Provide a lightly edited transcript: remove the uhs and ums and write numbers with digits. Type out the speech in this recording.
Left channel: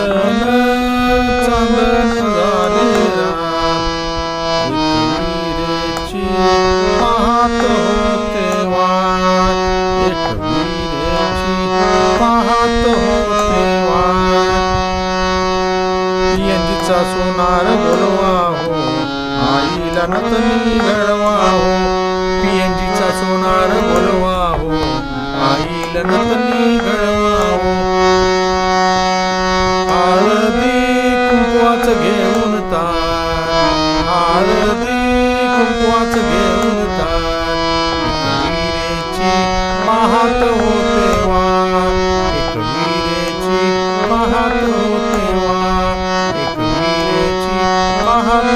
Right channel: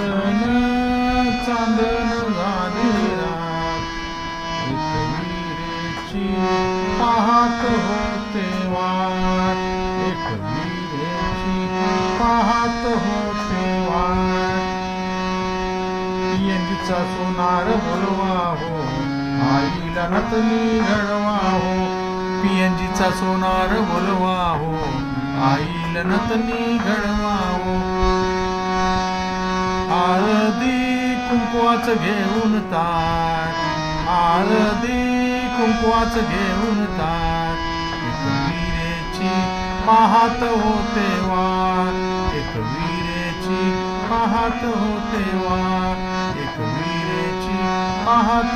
चांदन चांदन झाले रात, एकविरेची पाहत होते वाट, एकविरेची पाहत होते वाट. पियंजीचा सोनार बोलवा हो, आईला नतनी घडवा हो. पियंजीचा सोनार बोलवा हो, आईला नतनी घडवा हो. हळदी कुंकवाच घेऊन ताट, हळदी कुंकवाच घेऊन ताट, एकविरेची पाहत होते वाट, एकविरेची पाहत होते वाट, एकविरेची पाहत